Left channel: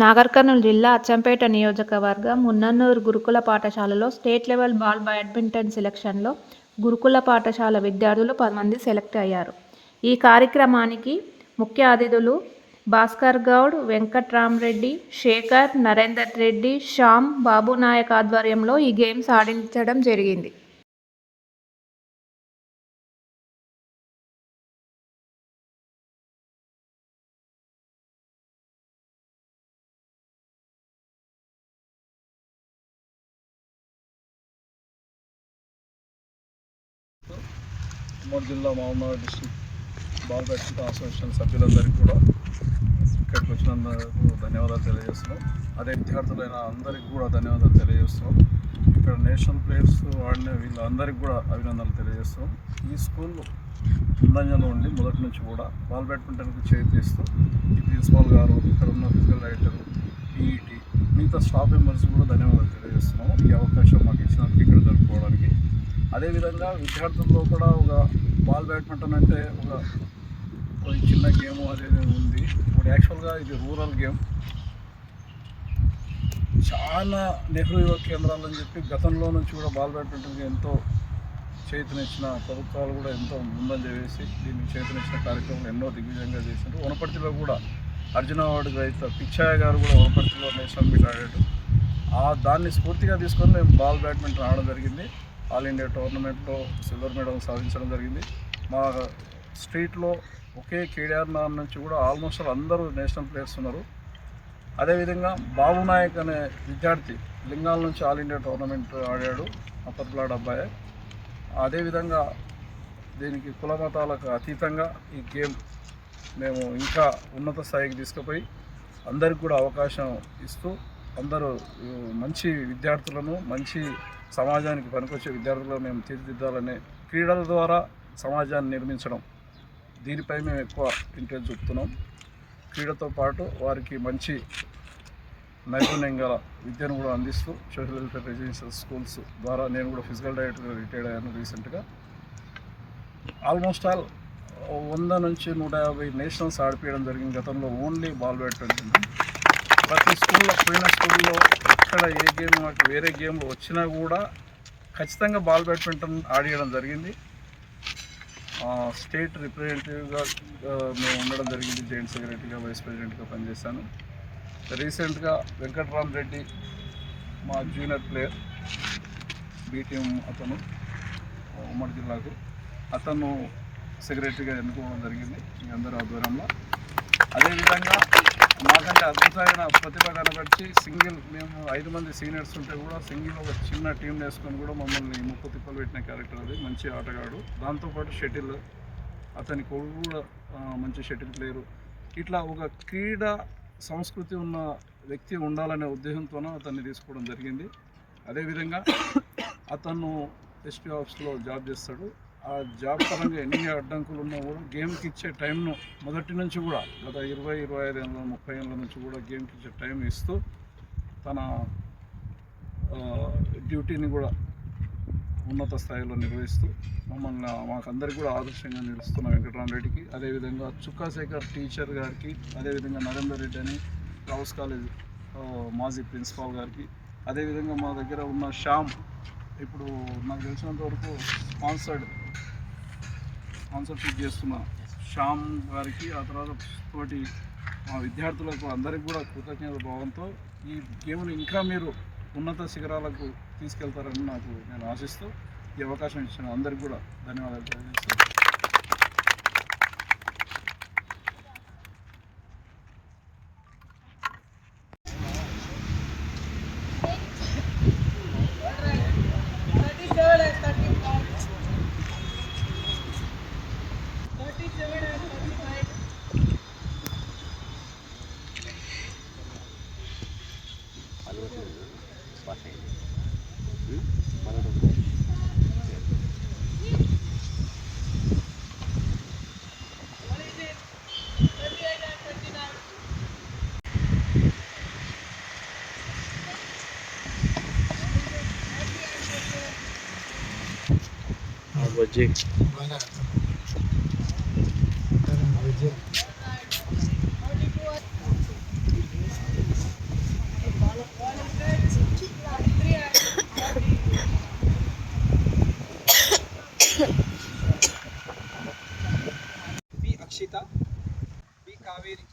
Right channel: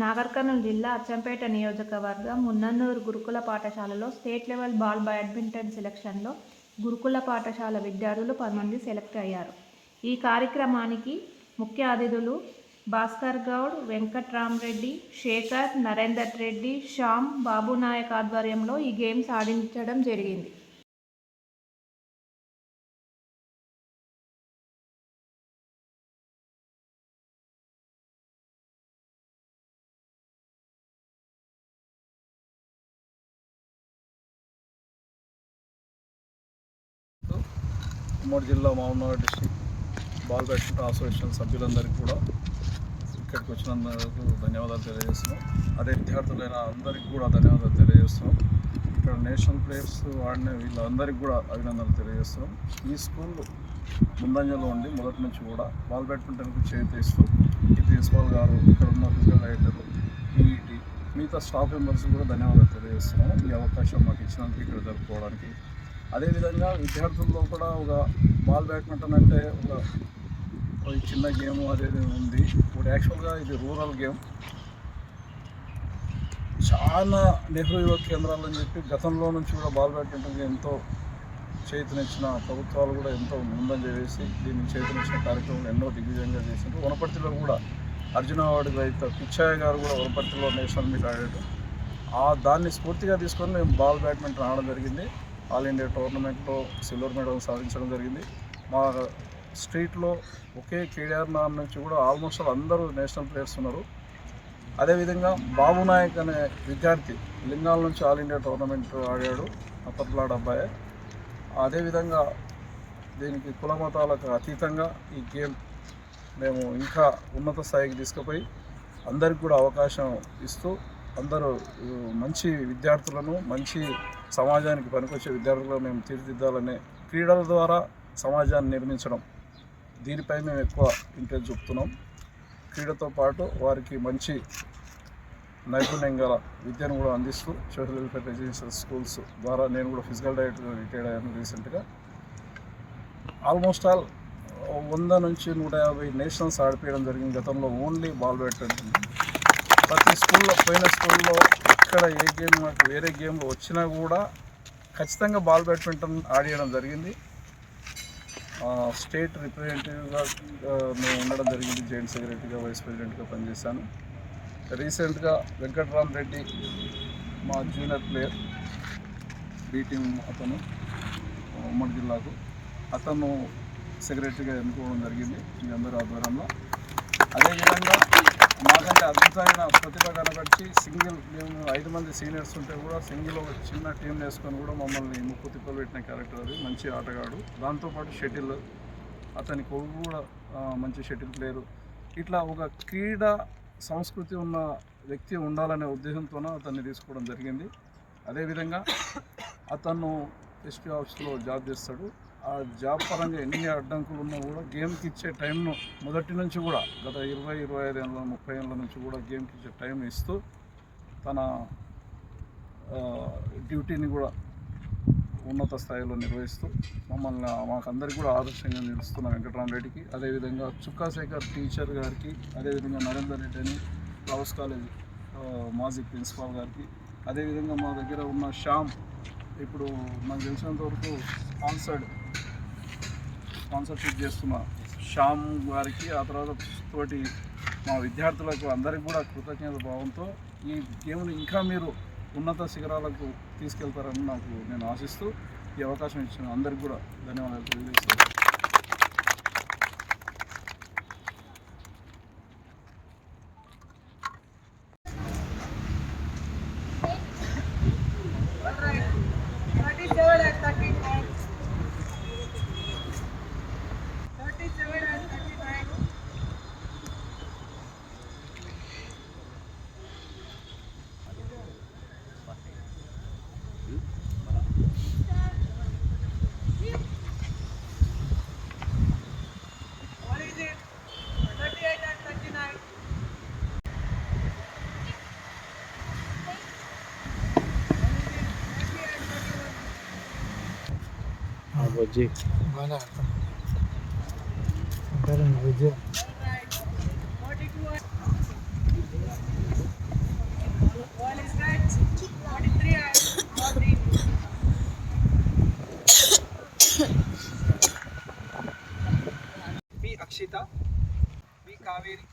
నాగర్ కర్నూలు జిల్లా అచ్చంపేట నియోజకవర్గం మున్నన్నూరు గురుకుల పాఠశాలలో స్టేట్ లెవెల్ బాల్ బ్యాడ్మింటన్ సెలక్షన్లో గురుకుల పాఠశాల విద్యార్థులు 10 మంది సెలెక్ట్ అయ్యారు. ఈ కార్యక్రమానికి ముఖ్య అతిథులు భాస్కర్ గౌడ్, వెంకట్రామరెడ్డి, శేఖర్, నరేందర్ రెడ్డి, శ్యామ్, బాబునాయక్ ఆధ్వర్యంలో ఈ గేమ్స్ ఆడించడం జరిగింది. ఉమ్మడి జిల్లా Mahabubnagar district ball badminton association సభ్యులందరికీ కూడా ఇక్కడికి వచ్చినందుకు ధన్యవాదాలు తెలియజేస్తున్నాం. అదే విద్యార్థులైన అందరికీ కూడా ధన్యవాదాలు తెలియజేస్తున్నాం. ఇక్కడ నేషనల్ ప్లేయర్స్ ఆడిన వీళ్ళందరికీ కూడా అభినందనలు తెలియజేస్తున్నాం. ఈ స్కూల్ ముందంజలో ఉండి మొదటి నుంచి కూడా బాల్ బ్యాడ్మింటన్కి చేయిస్తూ ఈ ప్రిన్సిపాల్ గారు, ఇక్కడ ఉన్న ఫిజికల్ డైరెక్టరు, పీఈటీ, మిగతా స్టాఫ్ మెంబర్స్ కూడా ధన్యవాదాలు తెలియజేస్తున్నాం. ఈ అవకాశం మాకు ఇచ్చినందుకు ఇక్కడ జరుపుకోవడానికి. అదేవిధంగా విద్యార్థుల్లో కూడా ఒక బాల్ బ్యాడ్మింటన్ అంటే ఒక చిన్న గేమ్ అనేది ఉంది. ఇప్పుడు యాక్చువల్గా ఇది రూరల్ గేమ్. చాలా నెహ్రూ యువ కేంద్రాలని చెప్పి గతంలో నుంచి కూడా బాల్ బ్యాడ్మింటన్కి ఎంతో చేతనిచ్చిన ప్రభుత్వాలు కూడా ఎంతో ముందంజ వేసి దీనికి చేతనిచ్చిన కార్యక్రమాలు ఎన్నో దిగ్విజయంగా చేసిండ్రు. వనపర్తిలో కూడా అర్జున అవార్డు గ్రహీత పిచ్చయ్య గారు కూడా వనపర్తిలో నేషనల్ మీట్ ఆడాడు. దాన్ని స్ఫూర్తిగా తీసుకొని మేము బాల్ బ్యాడ్మింటన్ ఆడడం జరిగింది. ఆల్ ఇండియా టోర్నమెంట్లో సిల్వర్ మెడల్ సాధించడం జరిగింది. మా స్ట్రీట్లో ఒకే కేడిఆర్ నుంచి కూడా ఆల్మోస్ట్ అందరూ నేషనల్ ప్లేయర్స్ ఉన్నారు. అదేవిధంగా బాబు నాయక్ అనే విద్యార్థి లింగాల నుంచి ఆల్ ఇండియా టోర్నమెంట్ ఆడాడు, అప్పర్లాడ్ అబ్బాయి. అదేవిధంగా దీనికి కుల మతాలకు అతీతంగా ఈ గేమ్ మేము ఇంకా ఉన్నత స్థాయికి తీసుకుపోయి అందరికి కూడా అవకాశం ఇస్తూ అందరూ మంచి విద్యార్థులను, మంచి సమాజానికి పనికొచ్చే విద్యార్థులను మేము తీర్చిదిద్దాలనే క్రీడల ద్వారా సమాజాన్ని నిర్మించడం, దీనిపై మేము ఎక్కువ ఇంట్రెస్ట్ చూపుతున్నాం. క్రీడతో పాటు వారికి మంచి నైపుణ్యం గల విద్యను కూడా అందిస్తూ సోషల్ వెల్ఫేర్ రెసిడెన్షియల్ స్కూల్స్ ద్వారా నేను కూడా ఫిజికల్ డైరెక్టర్గా రిటైర్డ్ అయ్యాను రీసెంట్గా. ఆల్మోస్ట్ ఆల్ 100 నుంచి 150 నేషనల్స్ ఆడిపించడం జరిగింది గతంలో ఓన్లీ బాల్ బ్యాడ్మింటన్. ప్రతి స్కూల్లో పోయిన స్కూల్లో ఎక్కడ ఏ గేమ్ వేరే గేమ్లు వచ్చినా కూడా ఖచ్చితంగా బాల్ బ్యాడ్మింటన్ ఆడియడం జరిగింది. స్టేట్ రిప్రజెంటేటివ్గా మేము ఉండడం జరిగింది. జాయింట్ సెక్రటరీగా, వైస్ ప్రెసిడెంట్గా పనిచేశాను. రీసెంట్గా వెంకట్రామరెడ్డి మా జూనియర్ ప్లేయర్, బీ టీం అతను ఉమ్మడి జిల్లాకు, అతను సెక్రటరీగా ఎన్నుకోవడం జరిగింది మీ అందరూ ఆధ్వర్యంలో. అదేవిధంగా మాకంటే అద్భుతమైన ప్రతిభ కనబర్చి మేము 5 మంది సీనియర్స్ ఉంటే కూడా సింగిల్ ఒక చిన్న టీం వేసుకొని కూడా మమ్మల్ని ముప్పు తిప్పలు పెట్టిన క్యారెక్టర్ అది. మంచి ఆటగాడు. దాంతోపాటు షటిల్, అతని కొడుకు కూడా మంచి షటిల్ ప్లేయరు. ఇట్లా ఒక క్రీడా సంస్కృతి ఉన్న వ్యక్తి ఉండాలనే ఉద్దేశంతో అతన్ని తీసుకోవడం జరిగింది. అదేవిధంగా అతను ఎస్పీ ఆఫీస్లో జాబ్ చేస్తాడు. ఆ జాబ్ పరంగా ఎన్ని అడ్డంకులు ఉన్నా కూడా గేమ్కి ఇచ్చే టైంను మొదటి నుంచి కూడా గత 20-25 ఏళ్ళ 30 ఏళ్ళ నుంచి కూడా గేమ్కి ఇచ్చే టైం ఇస్తూ తన డ్యూటీని కూడా ఉన్నత స్థాయిలో నిర్వహిస్తూ మాకందరికి కూడా ఆదర్శంగా నిలుస్తున్న వెంకటరామరెడ్డికి, అదేవిధంగా చుక్కా శేఖర్ టీచర్ గారికి, అదేవిధంగా నరేందర్ రెడ్డి అని రావుస్ కాలేజ్ మాజీ ప్రిన్సిపాల్ గారికి, అదేవిధంగా మా దగ్గర ఉన్న శ్యామ్, ఇప్పుడు నాకు తెలిసినంత వరకు స్పాన్సర్షిప్ చేస్తున్న శ్యామ్ గారికి, ఆ తర్వాత తోటి మా విద్యార్థులకు అందరికీ కూడా కృతజ్ఞత భావంతో ఈ గేమ్ను ఇంకా మీరు ఉన్నత శిఖరాలకు తీసుకెళ్తారని నేను ఆశిస్తూ ఈ అవకాశం ఇచ్చిన అందరికీ కూడా ధన్యవాదాలు తెలియజేస్తాను. Bojek. Bojek. Kaveri,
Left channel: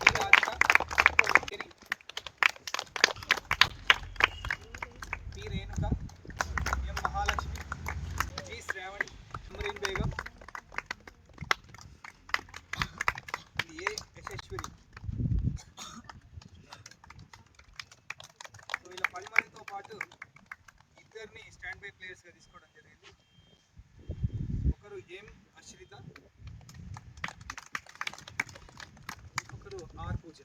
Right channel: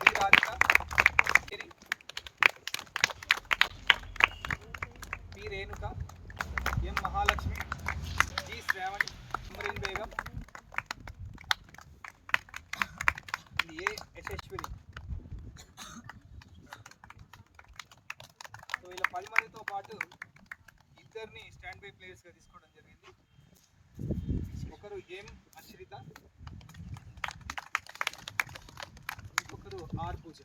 B Radhika, Mary, B Renuka, M Mahalakshmi, G Shravani, Amreen Begum, A Yashaswini. So వీళ్ళ 10 మందితో పాటు ఇద్దరిని స్టాండ్ బై ప్లేయర్స్గా తీసుకోవడం జరిగింది. ఒకరు ఎం అశ్రిత, ఇంకొకరు ఆర్ పూజ.